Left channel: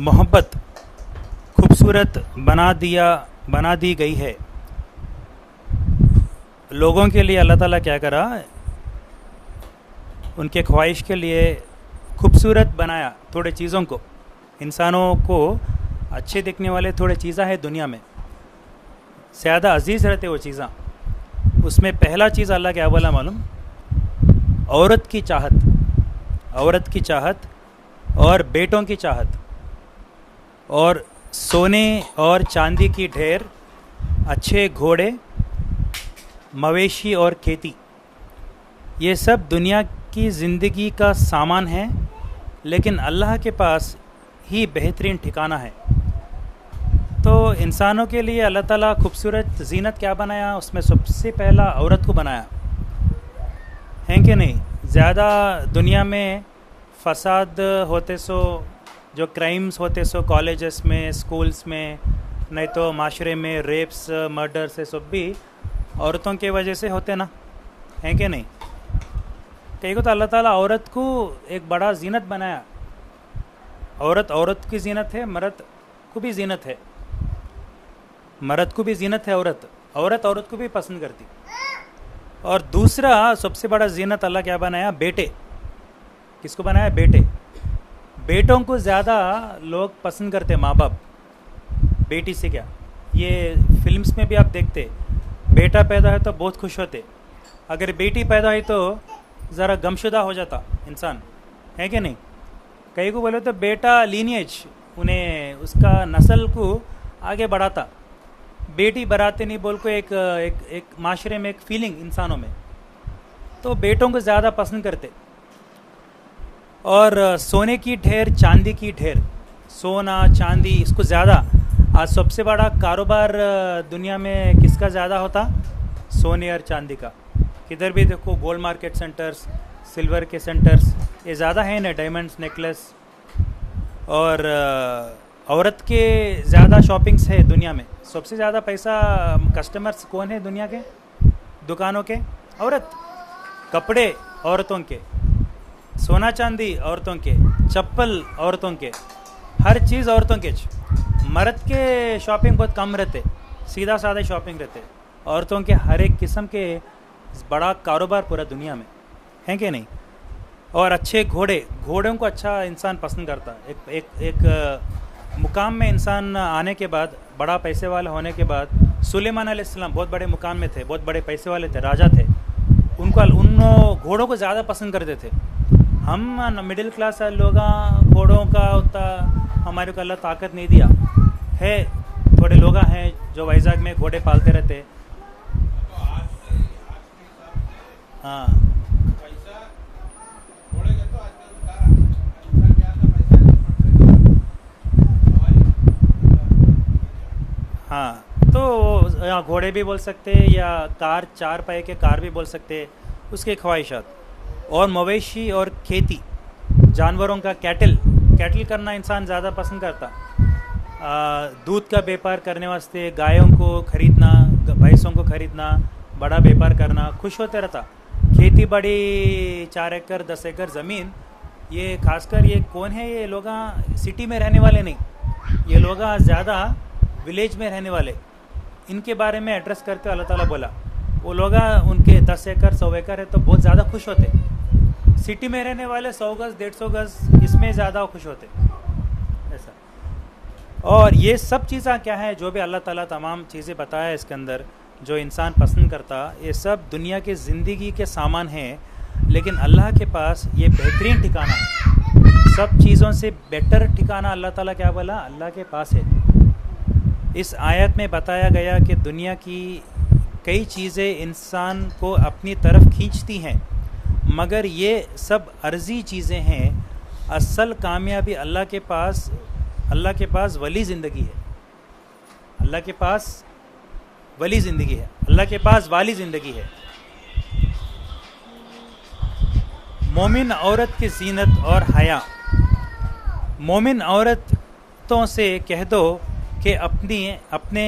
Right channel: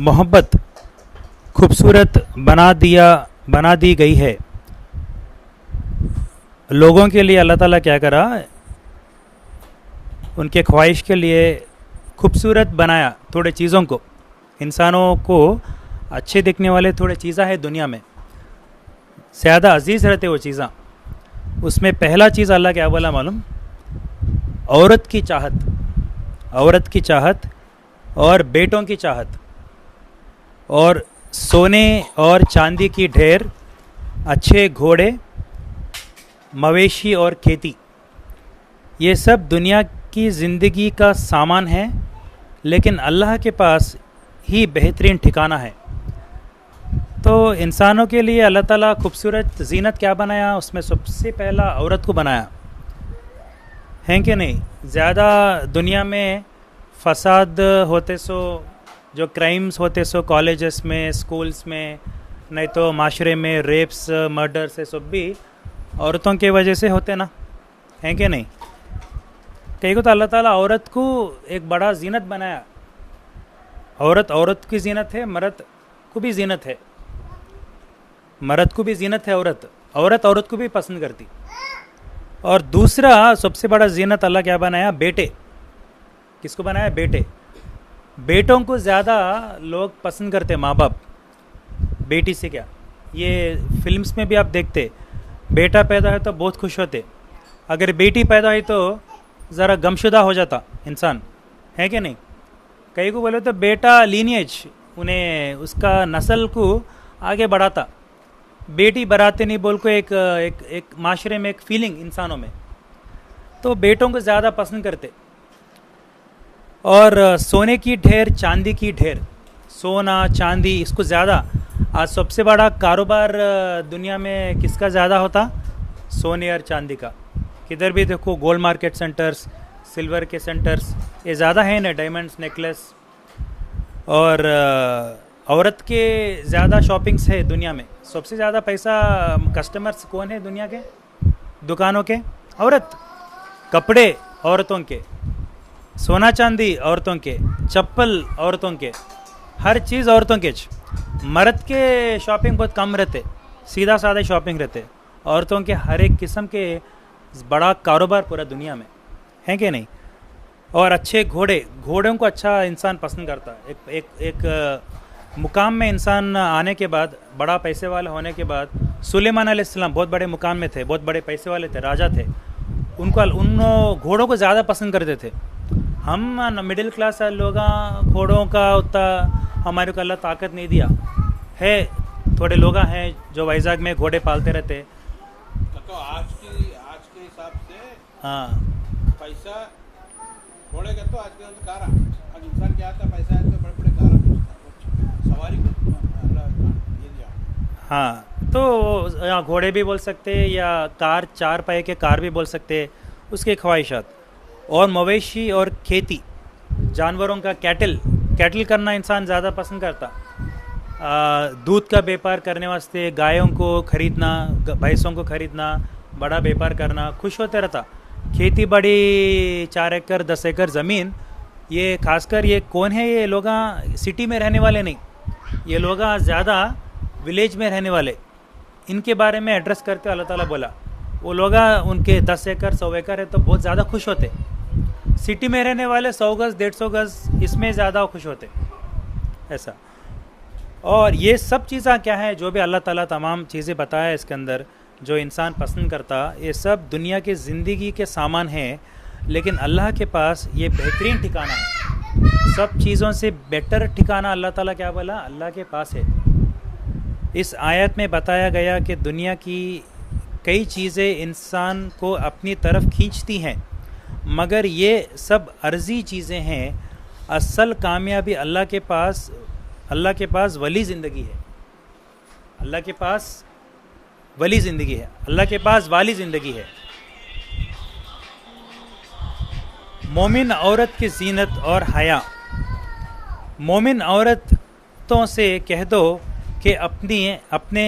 मोहब्बत खूबसूरत बना दी गई है। लोगों के लिए अल्लाह ताला क्या करा, उनके ख्वाहिश के लिए खूबसूरत बनाया थोड़े चीज़ों को। इंसानों को अच्छे दिखने वाले थोड़े चीज़ें हैं दुनिया में, ज़्यादा अजीज़ रहते वो चीज़ें। उसमें पहला चीज़ अल्लाह क्या बोला मालूम? औरत की चाहत, औरत की चाहत और बेटों की चाहत और सोने और चांदी की ढेर, अच्छे घोड़े, मवेशी और खेती। ये सब दुनिया की ज़िंदगी का सामान है, लेकिन अल्लाह के पास ही बेहतरीन ठिकाना है। तो इंसानों के लिए अल्लाह ताला खूबसूरत जीनत क्या बनाया? उसमें सबसे पहला औरत को बनाया है कि नहीं? ज़्यादा दुनिया में फसाद होते सो, जो क्राइम्स होते सो कॉलेजेस में, स्कूल्स में, नहीं तो माशरे में रेप्स, मर्डर से सब भी औरतों के वजह से होते ना, हैं कि नहीं? कहीं को तो अल्लाह ताला औरत को एक बड़ा जीनत बनाया। औरत की जीनत है, मर्द को भी जीनत है। मर्द को भी जीनत है, औरत को भी पसंद करती। और दूसरा सबसे बड़ा जीनत अल्लाह क्या बनाया? बेटे। किसको बनाया? बेटे। बेटों को ज़्यादा लोग पसंद करते, माँ बाप। बेटी से क्या, ये फिल्म्स में भी आप देखते, बेटा पैदा है तो बहुत खुश होते, अगर बेटी पैदा हुई तो ज़रा गमशुदा हो जाता इंसान, है कि नहीं? कई को बोले तो बेटा लीनिएज, उन्हें उसका नस्ल को आगे बढ़ाता। बेटी बराते नहीं बोल को एक माशरे में एक फीलिंग इंसानों में, तो बेटों को ज़्यादा पसंद करते। और सोने की ढेर, चांदी की ढेर, सोना चांदी इसको ज़्यादा। आज सबसे बड़ा कारोबार दुनिया में किसका ज़्यादा होता? सोने और चांदी का। किधर भी देखो गोल्ड मार्केट सेंटर्स, सिल्वर के सेंटर्स, ये ज़्यादा है ना, डायमंड्स नेकलेस। और औरत के ज़्यादा शॉपिंग्स है दुनिया में। सबसे ज़्यादा पैसा कस्टमर्स कौन है दुनिया के दुकानों के? औरत। कपड़े औरतों के, सोना चांदी औरतों के, चप्पल औरतों के, हर चीज़ औरतों के। मर्द के शॉपिंग बहुत कम रहते, सीधा साधा शॉपिंग रहते। औरतों के हर एक किस्म के बड़ा कारोबार पूरा दुनिया में, है कि नहीं? और अच्छे घोड़ों को अच्छा इंसान पसंद करता। एक मुकाम में इंसान आने के बाद, बड़ा पैसे वाला होने के बाद, सुलेमान अलैहिस्सलाम बहुत बड़े मुकाम में थे, बहुत बड़े पैसे वाले थे, राजा थे। उन घोड़ों को ज़्यादा पसंद करते थे। हम मिडिल क्लास लोग घोड़ों का उतना हमारे को अल्लाह ताकत नहीं दिया है। थोड़े लोग हैं जो वाइजाग में घोड़े पालते रहते। तो आज के हिसाब से हाँ, पैसा घोड़े का तो आज के कार, आज इंसान क्या आता, पैसा है तो बड़े कार सवारी ये दिया। हाँ, तो यहाँ घोड़े भी बोल सकते या कार, चार पाए के कार भी बोल सकते, उसके ख्वाहिशात। और मवेशी और खेती, जानवरों का कैटल करना इंसान ज़्यादा पसंद करता। दूध का व्यापार करने वास्ते गायों को खरीदना, भैंसों को खरीदना, बड़ा व्यापार करना, खुश होते रहता। खेती बड़ी 4 एकड़ 10 एकड़ ज़मीन, ये खासकर ये कौन है? ये लोग सिटी में रहने वाले नहीं, ये लोग ज़्यादा विलेज में रहने वाले। इनके बारे में एड्रेस करते अल्लाह ताला बोला, वो लोग उनके 10 एकड़ 100 एकड़ है तो बहुत ज़्यादा खुश होते। सिटी में रहने वाले 100 गज़ 150 गज़ इसमें ज़्यादा खुश होते, ऐसा। और ये सब चीज़ें क्या है जो भी अल्लाह ताला तमाम चीज़ें बताया इसके अंदर, जो इंसान पसंद करता, ये सब दुनिया की ज़िंदगी के सामान हैं, लेकिन अल्लाह के पास ये बेहतरीन ठिकाना है। सब चीज़ों से बेटर ठिकाना अल्लाह ताला क्या बोला? अल्लाह के पास है। इस आयत में बताया गया कि दुनिया की कई चीज़ें इंसान को अपनी तरफ खींचती हैं, मगर ये सब अर्जी चीज़ें हैं। असल कामयाबी अल्लाह के पास वली ज़िंदगी है। अल्लाह के पास वली ज़िंदगी है, अल्लाह के पास वाली ज़िंदगी है। मोमिन औरत की जीनत और हया। मोमिन औरतों से कह दो कि अपने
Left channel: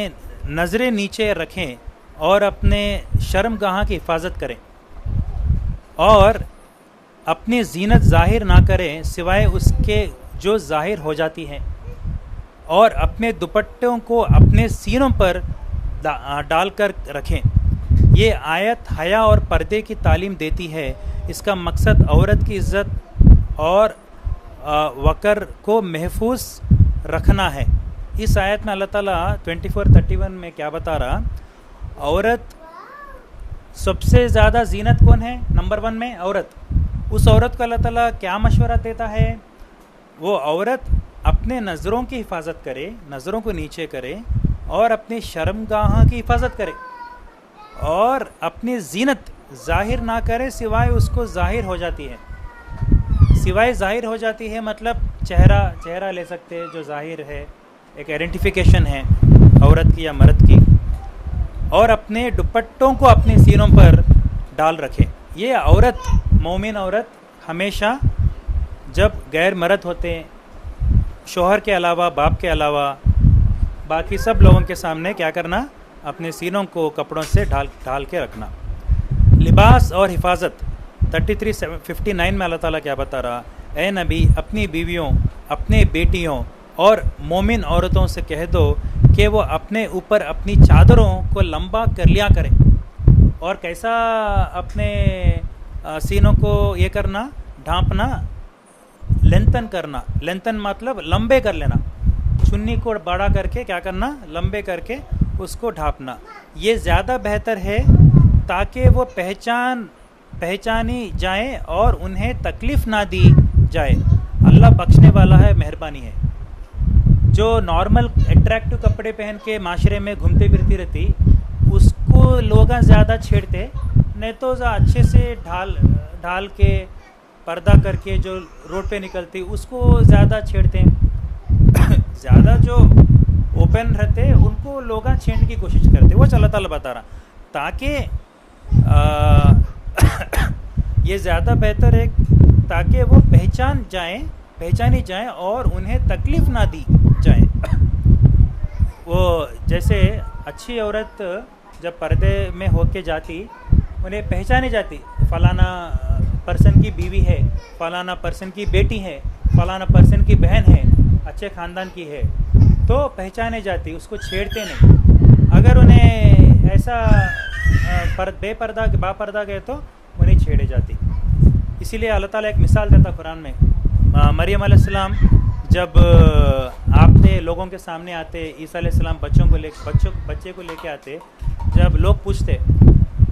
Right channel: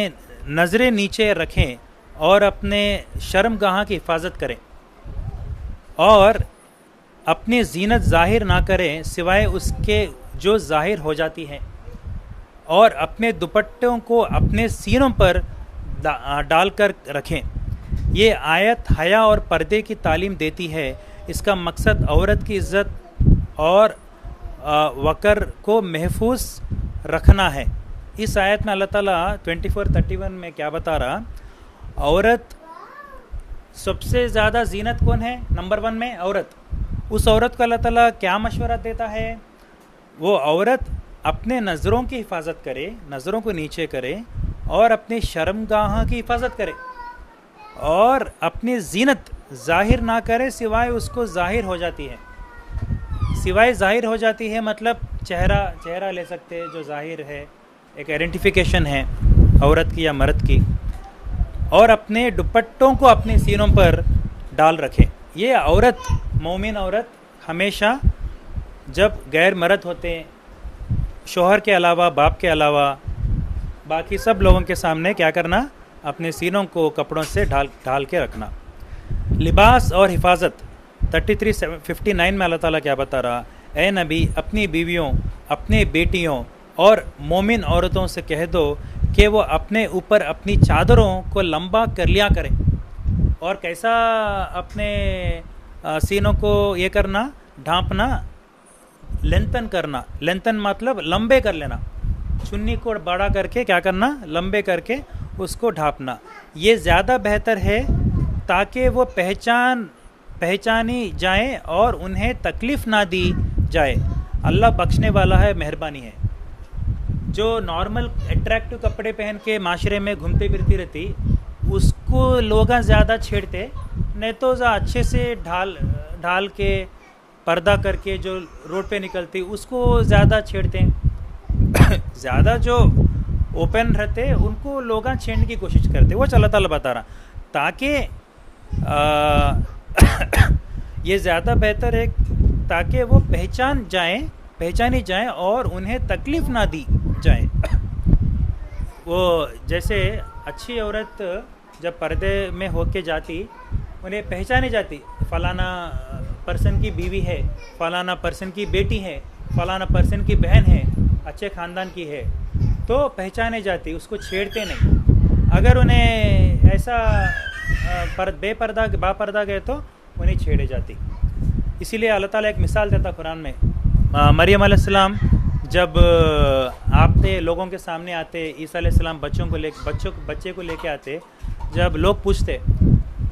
नज़रें नीचे रखें और अपने शर्मगाह की हिफाजत करें और अपनी जीनत ज़ाहिर ना करें सिवाय उसके जो जाहिर हो जाती हैं, और अपने दुपट्टों को अपने सीनों पर डालकर रखें। ये आयत हया और पर्दे की तालीम देती है। इसका मकसद औरत की इज़्ज़त और वक़र को महफूज रखना है। इस आयत में अल्लाह ताला 24:31 में क्या बता रहा, औरत सबसे ज़्यादा जीनत कौन है, नंबर 1 में औरत। उस औरत को अल्लाह ताला क्या मशवरा देता है, वो औरत अपने नज़रों की हिफाजत करे, नज़रों को नीचे करे, और अपनी शर्मगाह की हिफाजत करे, और अपनी जीनत जाहिर ना करे सिवाय उसको जाहिर हो जाती है। सिवाय जाहिर हो जाती है मतलब चेहरा ले सकते हैं जो जाहिर है, एक आइडेंटिफिकेशन है औरत की या मर्द की, और अपने दुपट्टों को अपने सीनों पर डाल रखें। ये औरत, मोमिन औरत, हमेशा जब गैर मर्द होते हैं, शोहर के अलावा, बाप के अलावा, बाकी सब लोगों के सामने क्या करना, अपने सीनों को कपड़ों से ढाल के रखना। लिबास और हिफाजत 33:59 में अल्लाह ताला क्या बता रहा, ए नबी अपनी बीवियों, अपने बेटियों और मोमिन औरतों से कह दो कि वो अपने ऊपर अपनी चादरों को लंबा कर लिया करें। और कैसा अपने सीनों को ये करना, ढांपना, लेंथन करना। लेंथन मतलब लंबे कर लेना, चुन्नी को बड़ा करके क्या करना, लंबे करके उसको ढांपना। ये ज़्यादा बेहतर है ताकि वो पहचानी जाए और उन्हें तकलीफ़ ना दी जाए। अल्लाह बख्शने वाला है, मेहरबानी है। जो नॉर्मल अट्रैक्टिव कपड़े पहन के माशरे में घूमती फिरती रहती, उसको लोग ज़्यादा छेड़ते, नहीं तो अच्छे से ढाल के पर्दा करके जो रोड पे निकलती उसको ज़्यादा छेड़ते हैं। ज़्यादा जो ओपन रहते उनको लोग छेड़ने की कोशिश करते। वो अल्लाह ताला बता रहा ताकि ये ज़्यादा बेहतर है ताकि वो पहचानी जाएं और उन्हें तकलीफ़ ना दी जाए। वो जैसे अच्छी औरत जब पर्दे में होके जाती, उन्हें पहचानी जाती, फलाना पर्सन की बीवी है, फलाना पर्सन की बेटी है, फलाना पर्सन की बहन है, अच्छे ख़ानदान की है, तो पहचाने जाती, उसको छेड़ते नहीं। अगर उन्हें ऐसा बापर्दा गए तो उन्हें छेड़े जाती। इसीलिए अल्लाह ताला एक मिसाल देता कुरान में, मरियम अलैहिस्सलाम जब आपने लोगों के सामने आते, ईसा अलैहिस्सलाम बच्चे को लेके आते, जब लोग पूछते,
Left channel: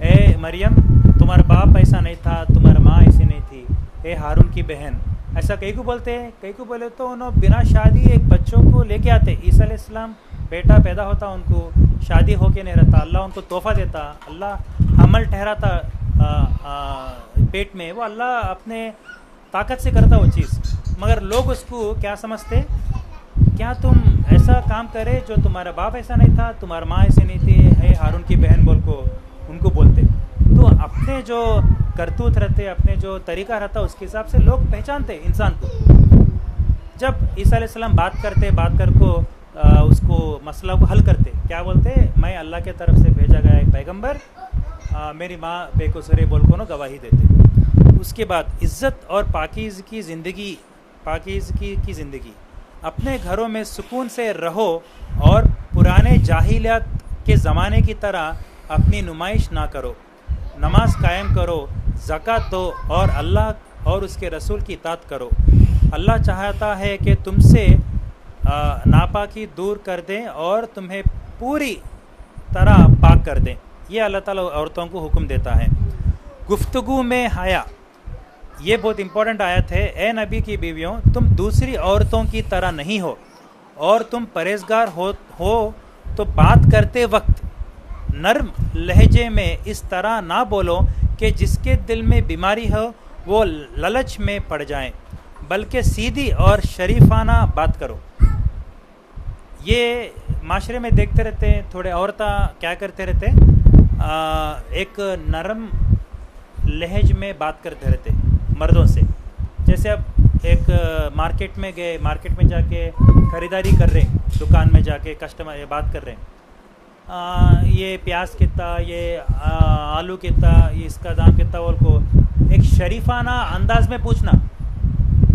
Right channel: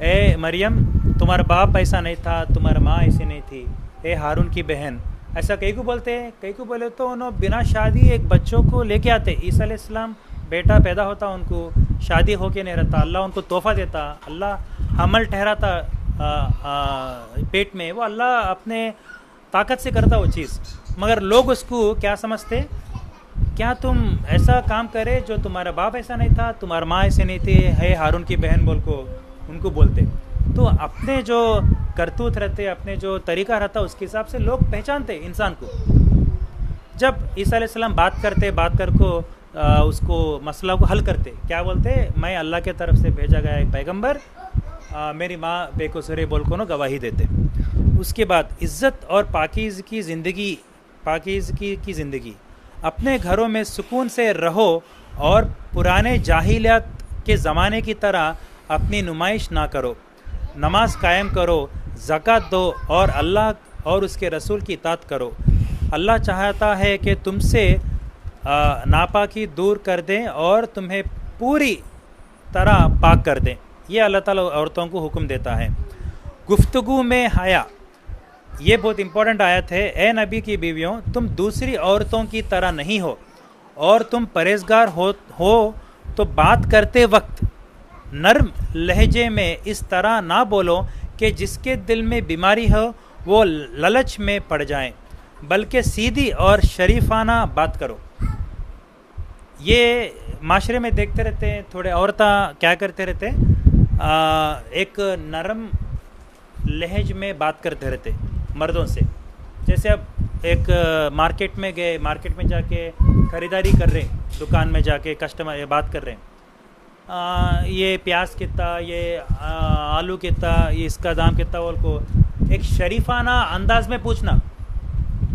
ए मरियम तुम्हारा बाप ऐसा नहीं था, तुम्हारा माँ ऐसी नहीं थी, ए हारून की बहन, ऐसा कई को बोलते हैं। कई को बोले तो उन्होंने बिना शादी एक बच्चों को लेके आते। ईसा अलैहिस्सलाम बेटा पैदा होता, उनको शादी होके नहीं रहता, अल्लाह उनको तोहफा देता, अल्लाह हमल ठहराता पेट में, वो अल्लाह अपने ताकत से करता वो चीज़। मगर लोग उसको क्या समझते, क्या तुम ऐसा काम करे जो तुम्हारा बाप ऐसा नहीं था, तुम्हारा माँ ऐसे नहीं थी, है हारून की बहन बोल को उनको बोलते। तो अपने जो करतूत रहते, अपने जो तरीका रहता, उसके हिसाब से लोग पहचानते इंसान को। जब ईसा अलैहिस्सलाम बात कर को उसको मसला को हल करते, क्या बोलते, मैं अल्लाह के तरफ से भेजा गया एक पैगंबर, मेरी माँ बेकसूर है बोल को ना गवाही देते। उसके बाद इज़्ज़त और पाकीज़गी की ज़िंदगी, अपने घरों में सुकून से रहो और पुराने जाहिलियत के ज़माने की तरह अपनी नुमाइश ना करो। नमाज कायम करो, ज़कात दो और अल्लाह और उसके रसूल की इताअत करो। अल्लाह चाहता है कि तुमसे नापाकी दूर कर दें और तुम्हें पूरी तरह पाक कर दें। ये अल्लाह ताला औरतों को हुक्म देता है। गुफ्तगू में हया, ये बहुत इंपॉर्टेंट आयत है। ए नबी की बीवियों, तुम दूसरी औरतों की तरह नहीं हो और तुम परहेजगार हो तो बात करते वक्त नर्म लहजे में इस तरह ना बोलो कि जिसके दिल में बीमारी हो वो लालच में पड़ जाएं, बल्कि सीधी और शरीफाना बात करो। ये माशरे में देखते रहते हैं, थोड़े औरतें क्या करते रहते, एक नरम लहज में बात करते रहते मर्दों से। जैसे अब एक मार्केट में गए, मार्केट में जाके ख़रीदारी कर रहे, दुकान में जाके कस्टमर बात कर रहे हैं, ये प्याज कितना, ये आलू कितना, ये इसका दाम कितना, बोल को एक शरीफाना अंदाज में पूछना,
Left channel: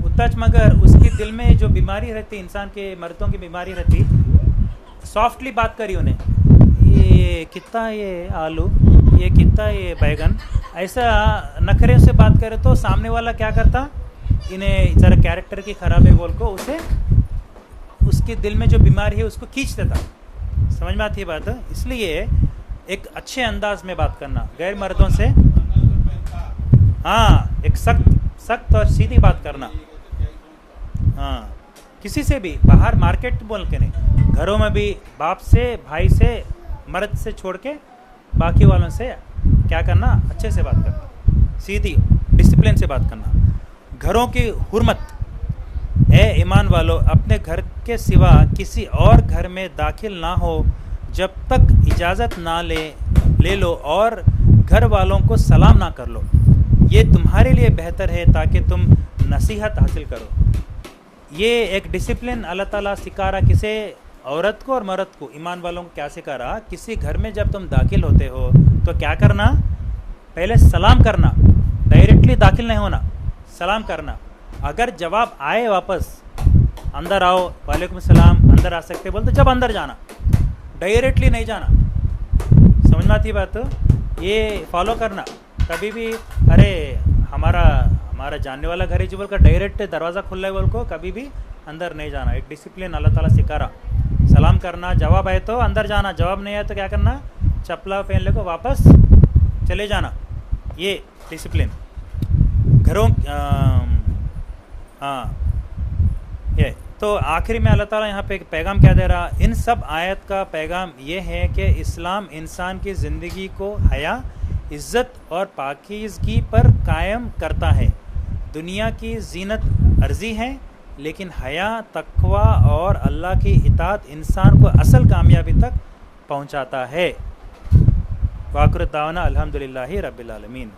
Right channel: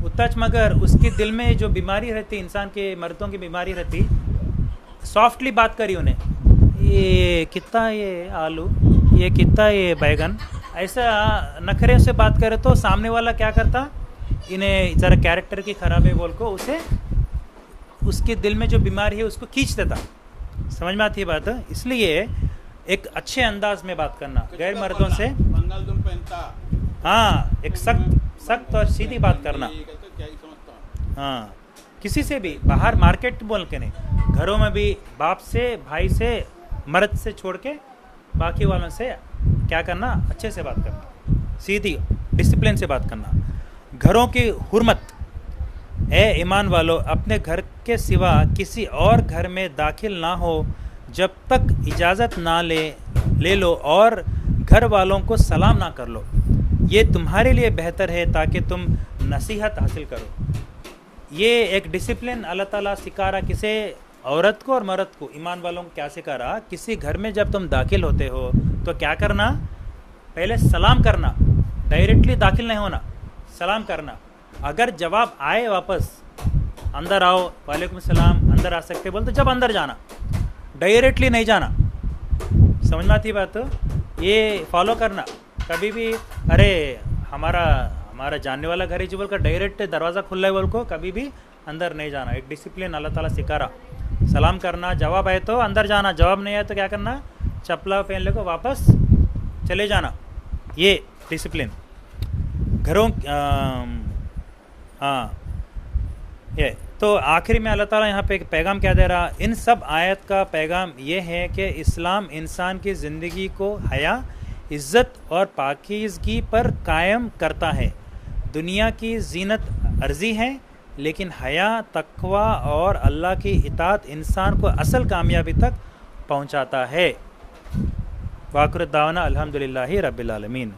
उतना टच, मगर उसके दिल में जो बीमारी रहती, इंसान के मर्दों की बीमारी रहती, सॉफ्टली बात करी उन्हें, ये कितना ये आलू, ये कितना ये बैगन, ऐसा नखरे से बात करे तो सामने वाला क्या करता, इन्हें ज़रा कैरेक्टर की खराबी बोल को उसे उसके दिल में जो बीमारी है उसको खींच देता। समझ में आती है बात? इसलिए एक अच्छे अंदाज में बात करना गैर मर्दों से, मंगलसूत्र पहनता, हाँ, एक सख्त और सीधी बात करना। ये कहते क्या ही समझता। हाँ, किसी से भी बाहर मार्केट बोल के नहीं, घरों में भी बाप से, भाई से, मर्द से छोड़ के बाकी वालों से क्या करना, अच्छे से बात करना, सीधी डिसिप्लिन से बात करना। घरों की हुर्मत, ए ईमान वालों, अपने घर के सिवा किसी और घर में दाखिल ना हो जब तक इजाज़त ना ले लो और घर वालों को सलाम ना कर लो। ये तुम्हारे लिए बेहतर है ताकि तुम नसीहत हासिल करो। ये एक डिसिप्लिन अल्लाह ताला सिखा रहा, किसे, औरत को और मर्द को, ईमान वालों को क्या सिखा रहा, किसी घर में जब तुम दाखिल होते हो तो क्या करना, पहले सलाम करना, डायरेक्टली दाखिल नहीं होना, सलाम करना। अगर जवाब आए वापस, अंदर आओ, वालेकुम सलाम, अंदर आ सकते बोल, तो जब अंदर जाना, डायरेक्टली नहीं जाना। समझ में आती बात? ये फॉलो करना। कभी भी अरे हमारा जानने वाला घर है जी बोल कर डायरेक्ट दरवाज़ा खुला है बोल को कभी भी अंदर नहीं जाना। एक डिसिप्लिन अल्लाह ताला सिखा रहा। सलाम करना, जवाब आए तो अंदर जाना, जवाब नहीं आए तो क्या करना, चप्पला पहन ले को वापस चले जाना। ये डिसिप्लिन घरों, हाँ, ये तो आखिरी में अल्लाह ताला यहाँ पे एक पैगाम क्या दे रहा, इन सब आयत का पैगाम ये है कि इस्लाम इंसान की ज़िंदगी को हया, इज़्ज़त और पाकीज़गी पर कायम करता है। दुनिया की जीनत अर्जी है, लेकिन हया, तक़वा और अल्लाह की इताअत इंसान को असल कामयाबी तक पहुँचाता है। वाक़िर दावाना अल्हम्दुलिल्लाहि रब्बिल आलमीन।